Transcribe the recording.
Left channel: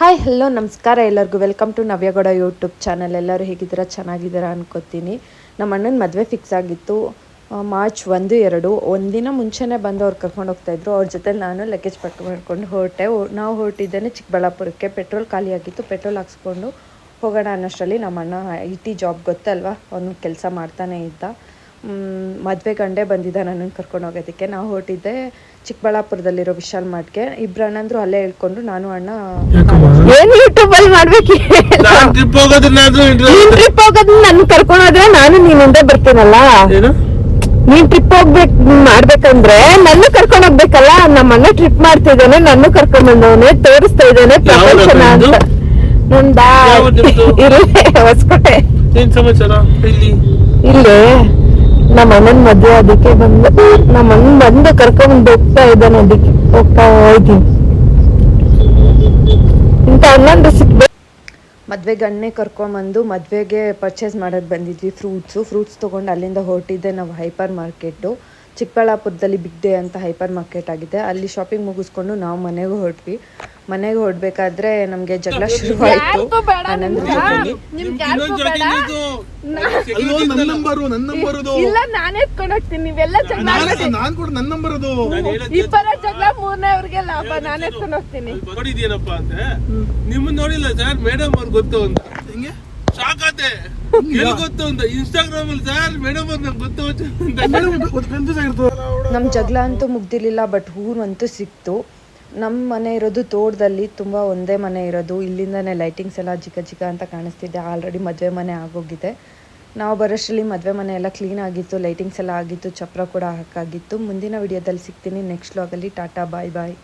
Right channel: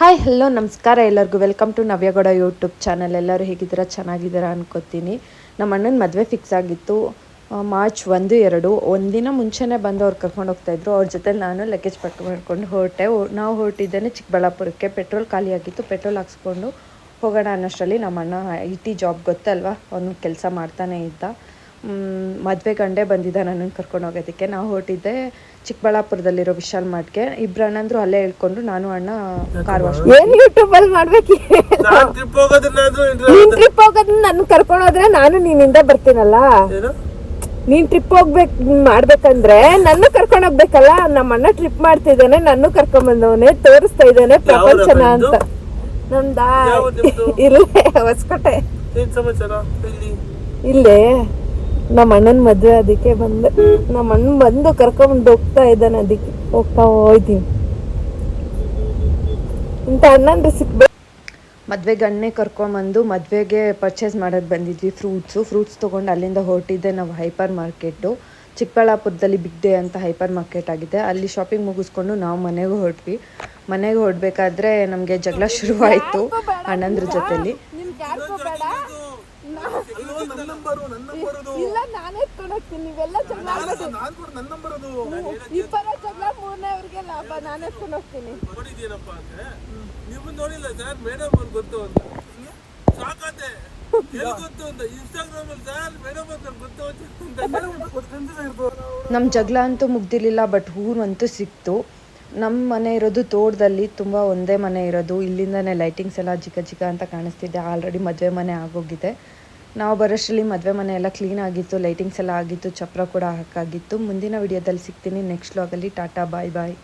Hi hello ನಮಸ್ಕಾರ ಎಲ್ಲರಿಗೂ. Welcome to Navya Gowda YouTube channel ಎಲ್ಲರೂ ಹೇಗಿದ್ದೀರಾ? ಚೆನ್ನಾಗಿದ್ದೀರಾ ಅನ್ಕೋತೀನಿ. ನಮ್ಮ ಅಣ್ಣನ ಮದುವೆ ಫಿಕ್ಸ್ ಆಗಿತ್ತು. ಮಾರ್ಚ್ ಒಂದು, ಎರಡು. ಒಂದಿನ ಮುಂಚೆನೇ ಬಂದು ಅವ್ರು ಕರ್ಕೊಂಡು ಹೋಗ್ತಾಯಿದ್ರು ಅವ್ರ ಜೊತೆ ನಾನು ಲಗೇಜ್ ಪಟ್ಟು ಮಾಡ್ಕೊಂಡು ಹೊರಟೆ ನಾವು ಹೊರಟಿದ್ದೇನೆ ಚಿಕ್ಕಬಳ್ಳಾಪುರಕ್ಕೆ. ಪೆಟ್ರೋಲ್ ಖಾಲಿ ಆಗಿತ್ತು. ಪೆಟ್ರೋಲ್ ಹಾಕ್ಸ್ಕೊಂಡು ಹೋಗೋಣ ಅನ್ನೋಷ್ಟರಲ್ಲಿ ನಮ್ಮ ಅಣ್ಣ ಐ ಟಿ ಜಾಬ್ ಗೊತ್ತಲ್ವಾ? ಅವನು ಕೆಲಸ ಮಾಡ್ತಾನೆ ಇದ್ದ. ಮದುವೆ ಗಂಡೇ ಬಂದಿದ್ದ ನನ್ನನ್ನು ಕರ್ಕೊಂಡು ಹೋಗೋದಕ್ಕೆ. ನಾವು ಹೊರಟಿದ್ದೆ ಚಿಕ್ಕಬಳ್ಳಾಪುರದಲ್ಲಿರೋ ವಿಶಾಲ್ ಮಾರ್ಟ್ಗೆ ಇಬ್ರು ಅಣ್ಣಂದ್ರು ಅಲ್ಲೇ ಹೇಳ್ಕೊಂಡು ನಾನು ಅಣ್ಣ ಕಾರ್ ವಾಶ್ ಯೂಟ್ಯೂಬ್ ಅಲ್ಲಿ ಮಾಡ್ಬೇಕು? ನಾನ್ ಟ್ರಿಪ್ ಹೋಗೋದನ್ನಾದ್ರೂ ಇಂಟ್ರೆಸ್ಟ್ ಟ್ರಿಪ್ ಹೋಗೋದ್ ನನ್ ಕರ್ಕೊಂಡು ಹೋದ್ರೆ ನಾನು ನೀನ್ ಹಿಂದೆ ಬರ್ತೀನಲ್ಲ? ಏನು? ನೀನ್ ಟ್ರಿಪ್ ಹೋಗ್ಬೇಕು ಮಾಡ್ಬೇಕಂದ್ರೆ ನನ್ನ ಕರ್ಕೊಂಡ್ ಹೋಗ್ಬೇಕಲ್ಲ? ನಮ್ಮ ಅಣ್ಣ ಟ್ರಿಪ್ ಮಾಡ್ತಿದ್ದಾನೆ ನನ್ನ ಕರ್ಕೊಂಡ್ ಬಂದವನೆ ತೋರಿಸ್ತಾ ಇದ್ದಾನೆ ಪ್ರಪಂಚನ? ಅಂತ. ನಂದಾ? ಇಲ್ಲೇ ಹೊಸಕೋಟೆ. ಏನ್ ಇಲ್ಲಿ ಇಲ್ಲೇ. ನಮ್ಮ ಅಣ್ಣನ್ ಮದ್ವೆ ಅದಕ್ಕೆ ಬಂದು ನಮ್ಮ ಅಣ್ಣ ಬಂದು ಕರ್ಕೊಂಡ್ ಹೋಗ್ತಾ ಇದ್ದಾನೆ ಅದಕ್ಕೆ ಹೋಗ್ತಾ ಹೋಯ್ತೀನಿ ಇಂತ ಅಣ್ಣಂದು ಸಿಕ್ಬೇಕು. ಗಣ್ಣೆ ಗಣ್ಣೆ ಕರ್ಕೊಂಬಂದು ಮದುವೆಗೆ ಪರ್ಚೇಸ್ ಮಾಡೋದು ಬಂದಿದ್ವಿ ಫ್ರೂಟ್ಸು ಫ್ರೂಟ್ಸ್ ತೊಗೊಂಡು ಅಲ್ಲಿಂದ ಹೊರಟಿದ್ದೆ ನಾವು ಹೈಪರ್ ಮಾರ್ಕೆಟು ಚಿಕ್ಕಬಳ್ಳಾಪುರದಲ್ಲಿ ಬಿಗ್ ಡೇ ಅಂತ ಹೈಪರ್ ಮಾರ್ಕೆಟ್ ಆಗಿದೆ. ಅಲ್ಲಿ ಶಾಪಿಂಗ್ ಮುಗಿಸ್ಕೊಂಡು ನಾವು ಮನೆಗೆ ಹೊರಟ್ವಿ. ಮನೆಗೆ ಹೊರಡ್ಬೇಕಾದ್ರೆ ನಮಗೆ ಜಗಳ ಶುರುವಾಯಿತು ಅಣ್ಣಂದ್ರ ಜೊತೆಲಿ. ಅಲ್ಲೋ ನನ್ನ ನಂಬರು ನನ್ನ ಇಲ್ಲ ನಾನೇ ಎತ್ಕೊಂಡು ಹೋಗ್ತೀನಿ ನೀವೆಲ್ಲ ಜಗಳ ನಾನು ನಾನ್ ಕೂಡ ನನ್ನ ಇಬ್ಬರ ಜಗಳ ಮೂರನೇ ಅವ್ರಿಗೆ ಲಾಭ ನಾನೇ ಎತ್ಕೊಂಡು ಹೋಗ್ತೀನಿ ನೋಡಿದ್ಯೇನಪ್ಪ ಅಂತ. ನಿಮ್ಮನ್ನ ನೋಡಿಲ್ಲ ಸರ್ ಮೇಡಮ್ ಅವ್ರು ಗೊತ್ತು ಅಂತ. ಹಿಂಗೆ? ಎಲ್ಲಿ ಗೊತ್ತು ಅಂತ? ಇನ್ಸ್ಟಾಗ್ರಾಮ್ ಅಲ್ಲಿ ಸರ್ ಮೇಡಮ್ ಅವ್ರು ನಂಗೆ ಗೊತ್ತು ಅಂತ. ಮೇಡಮ್ ಕನ್ಫ್ಯೂಸ್ ಆಗಿರ್ತದೆ. ನಮ್ಮ ಜಗಳ ಅಂತೂ ಮುಗ್ದಿರ್ಲಿಲ್ಲ ಬಟ್ ಹೂವಂತೂ ಸಿಕ್ತು. ನಮ್ಮ ಮನೆ ಇರೋದು ತೋಟದಲ್ಲಿ ತುಂಬ ಒಂದೇ ಮನೆ ಇರೋದು. ಇಲ್ಲಿಂದನೇ ಲೈಟಿಂಗ್ಸ್ ಎಲ್ಲ ಚಿಕ್ಕ ಚಿಕ್ಕ ಅಂತ ಕಾಣಿಸ್ತಿದೆ. ಆಲ್ರೆಡಿ ಮದುವೆ ಮನೆ ಆಗೋಗಿದೆ. ನಾವು ಬರೋಷ್ಟರಲ್ಲಿ ಮದುವೆ ಮನೆ ಎಲ್ಲ ಕ್ಲೀನ್ ಆಗಿತ್ತು ಲೈಟಿಂಗ್ಸ್ ಎಲ್ಲ ಆಗಿತ್ತು, ಚಪ್ರ ಕೂಡ ಹಾಕಾಗಿತ್ತು. ಮುಂದಿನ ವಿಡಿಯೋದಲ್ಲಿ ಸಿಗ್ತೀನಿ. ನೆಕ್ಸ್ಟ್ ಲಾಗಲ್ಲಿ ಟಾಟಾ ಬಾಯ್ ಬಾಯ್